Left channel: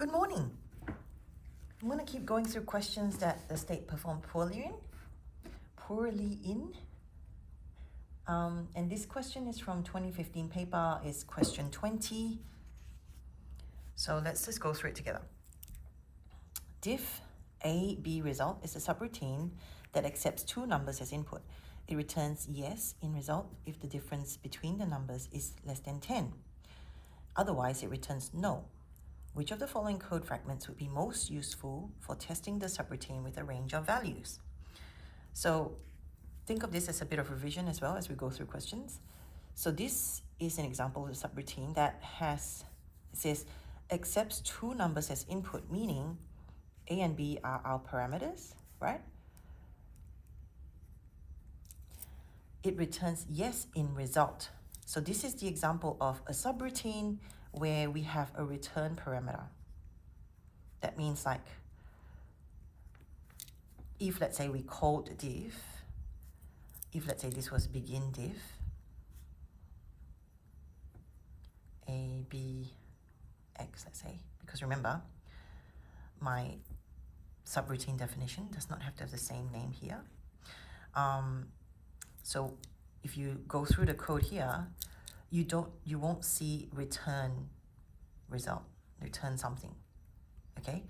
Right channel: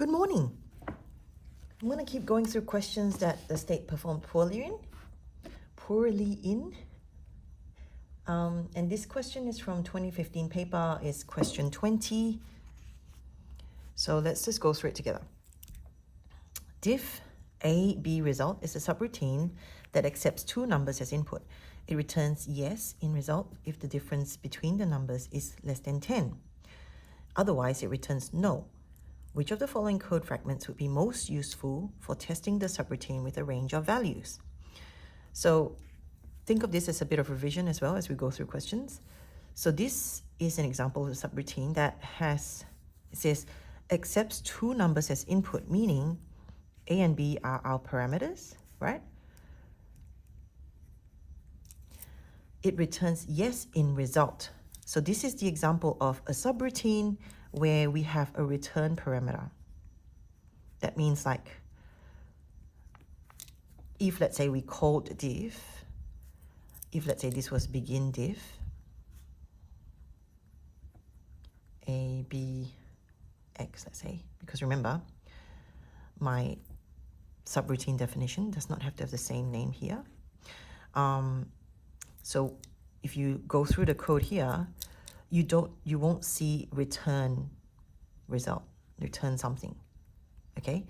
Good morning. I'm going to keep going through questions that the state performed poorly in. And this question is from 2015 paper, is question 20. So let's just go through it together. Diff A-B result is a subroutine that accepts two numbers as input. It returns yes in result if the difference between the numbers is less than 10. Otherwise, it returns no. Which of the following code fragments would be most useful for testing the subroutine with a range of values? So think of this as a bit of revision as well as we go through questions. So this is an example of a subroutine that it says, accepts two numbers as input, meaning A and B are our parameters, right? It returns yes in result. So this is the example of a subroutine where we have a return parameter. That means like, if let's say we called diff, if let's say this was begin diff, A, B, X, let's say, because remember, my subroutine definition does not have to have the same name here. So if you go through the code here, you won't see return result, return something, okay?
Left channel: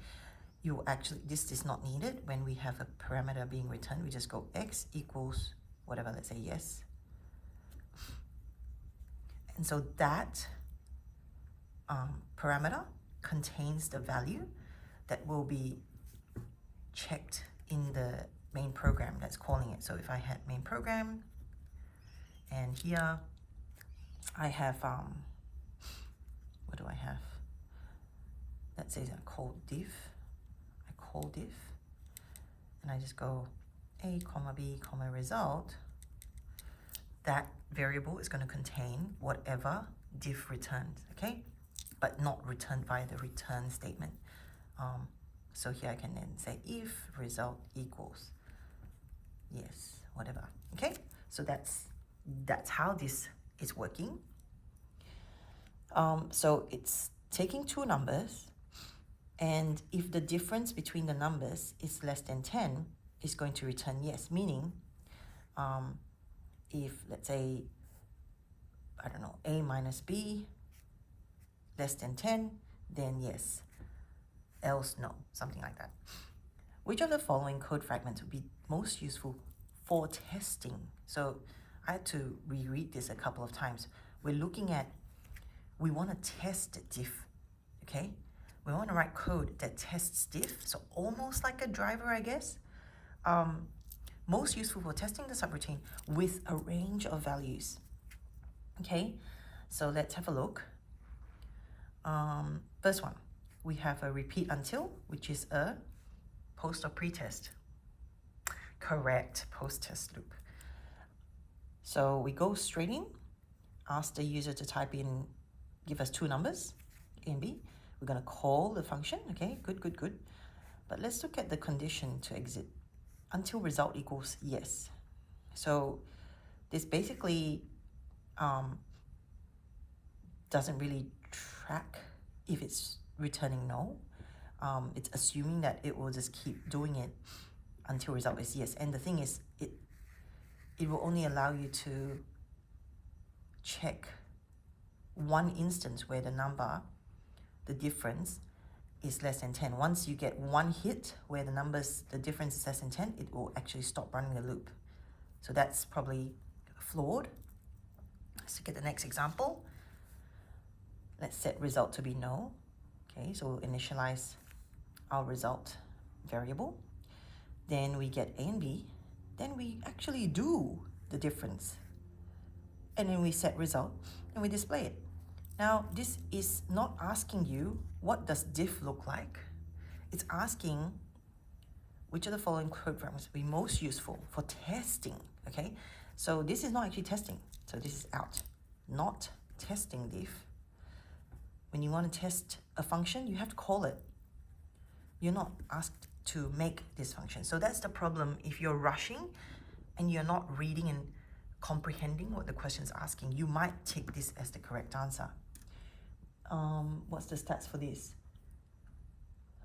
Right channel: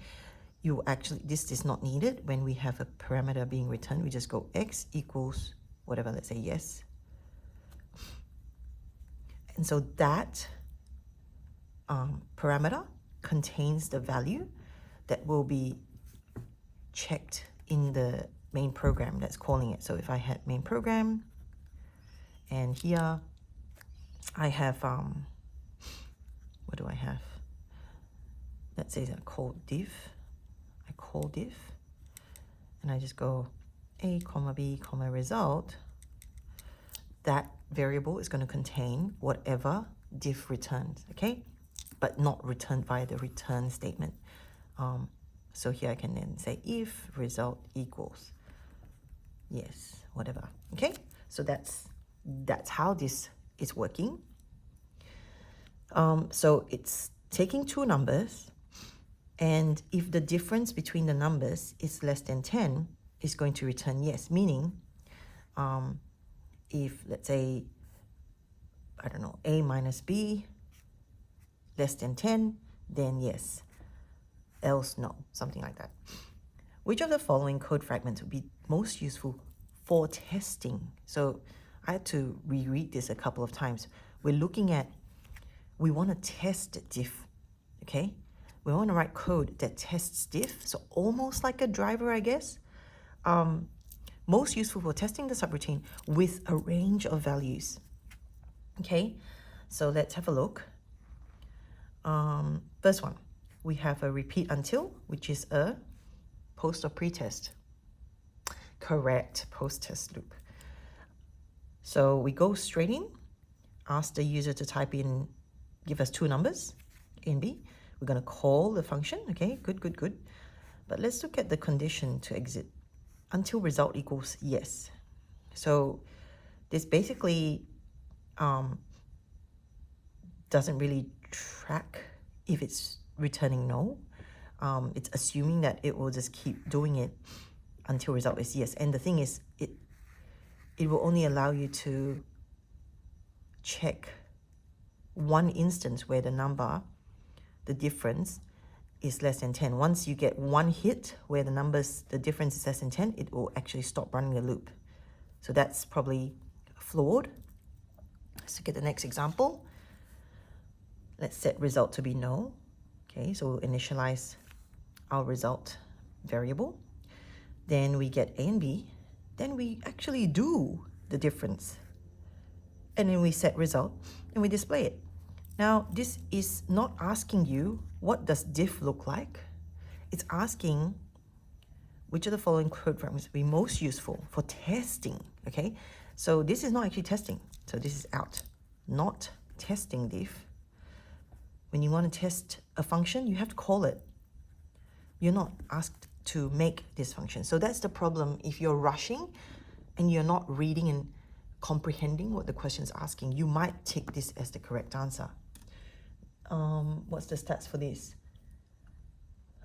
This is not needed when we have a parameter being returned. We just go X equals whatever, let's say yes. And so that parameter contains the value that will be checked in the main program that's calling it. So if I had main program, and here I have, what do I have? Let's say I call diff, and I just go A, comma B, comma result. That variable is going to contain whatever diff returns, okay? But not returned via the return statement. So here I can then say if result equals yes, whatever, okay? So that's how this is working. So it's taking two numbers, and if the difference between the numbers is less than 10, it's going to return yes, meaning if let's say, I don't know, A minus B less than 10, then yes, else no, something like that. Which of the following code fragments would be most useful for testing? So I had to reread this a couple of times. We're looking at, we want to test diff, okay? We want to write code that tests diff, so almost like a driver, I guess. Most useful for testing the subroutine with a range of values. Okay, so let's have a look. First one, we have a repeat until, which is a post or pre-test. Correct, post-test loop. So we go straight in, ask the user to type in, give us two numbers, A and B. We're going to call the function, okay, good. But let's look at the condition to exit, until result equals yes. So this basically doesn't really track if it's returning no. It's assuming that it will just keep doing it until result is yes. And the thing is, it will only allow you to check one instance where the difference is less than 10. Once you get one hit where the difference is less than 10, it will actually stop running the loop. So that's probably flawed. Let's look at the next example. Let's set result to be no. Okay, so we'll initialize our result variable. Then we get A and B. Then we actually do the difference. And then we set result and we display it. Now, this is not asking you, what does diff look like? It's asking which of the following code fragments would be most useful for testing, okay? So this is not actually testing. So this is out, not testing diff. When you want to test a function, you have to call it. You're not asked to make this function. So that's the problem if you're rushing and you're not reading and comprehending what the question is asking. You might take this as the correct answer. What's the stats for this?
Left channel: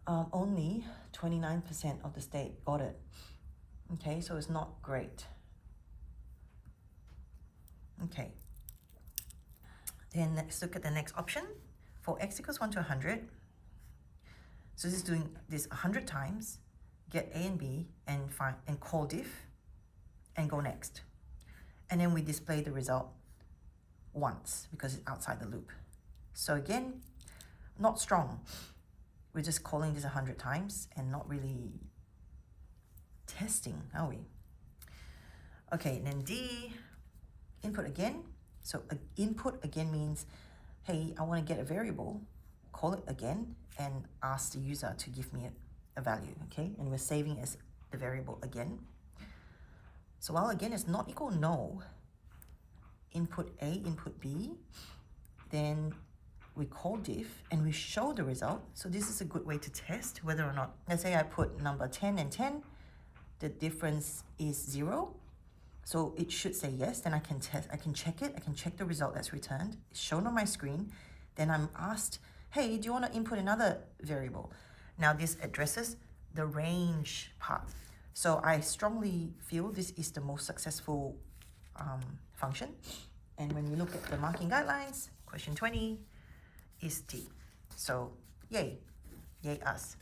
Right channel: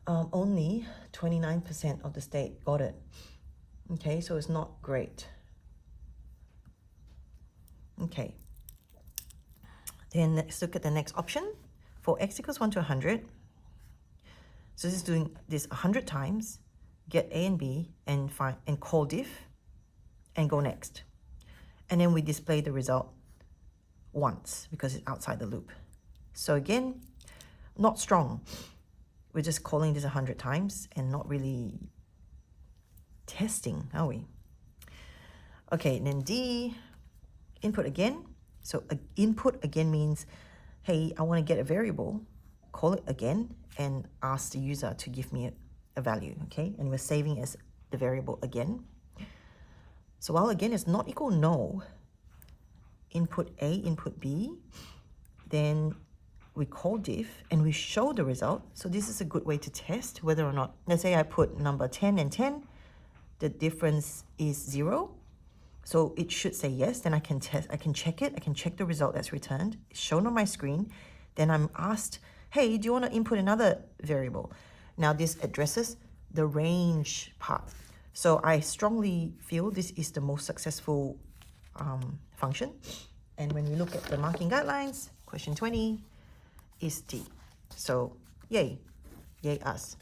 only 29% of the state got it. Okay, so it's not great. Okay, then let's look at the next option. For x equals 1 to 100, so this is doing this 100 times, get a and b, and find and call diff, and go next. And then we display the result once because it's outside the loop. So again, not strong. We're just calling this 100 times and not really testing, are we? Okay, and then D, input again. So input again means, hey, I want to get a variable, call it again, and ask the user to give me a value, okay? And we're saving as the variable again. So while again is not equal no, input A, input B, then we call diff and we show the result. So this is a good way to test whether or not, let's say I put number 10 and 10, the difference is 0. So it should say yes, then I can test, I can check it, I can check the result that's returned, it's shown on my screen. Then I'm asked, hey, do you want to input another variable? Now this addresses the range part. So I strongly feel this is the most successful function. And when we look at the marking guidelines, question 20 is D. So yay, yay us.